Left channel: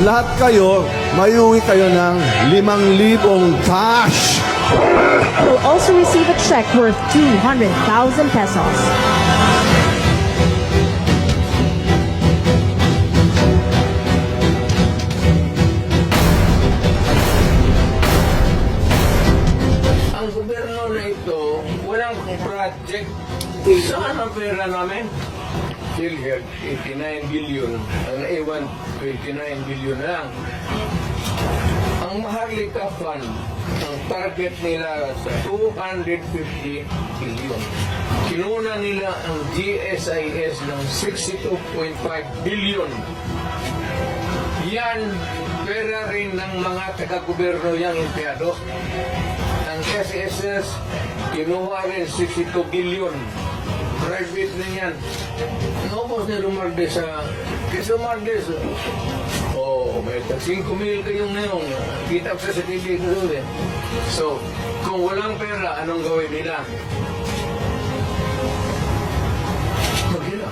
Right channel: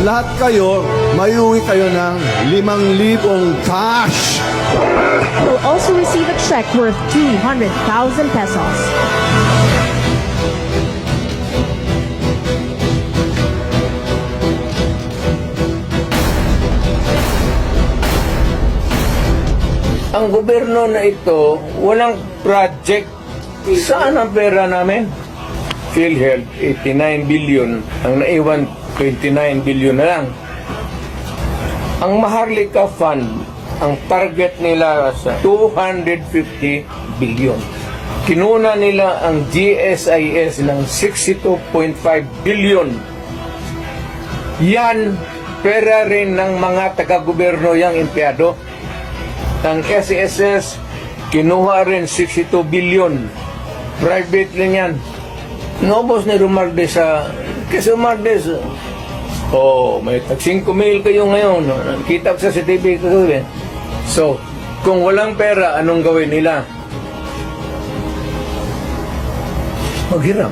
Lahat kayo, mayuwi kayo ng 5,000 cash. Will also receive a check worth 200,000 pesos. Ang gobyerno na ito, walang project. Saan ang pera namin? PhilHealth, 89 billion. Ang naiwan, 29 billion na lang. Ang Maharlika Fund, ang target nila sa 250 billion. Kinuna nila ang GSIS ng 62.5 billion. Yan, pera rin ng mga taga-gobyerno yang empleyado. Ang SSS, kinuha rin 62 billion. Private rin yan. Naubos ni Romualdez sa... Kasi Romualdez, may tag 5,000 kayo ngayon. Kita ko sa CCTV. So, kung walang pera, anong gawin nila? Maghiram.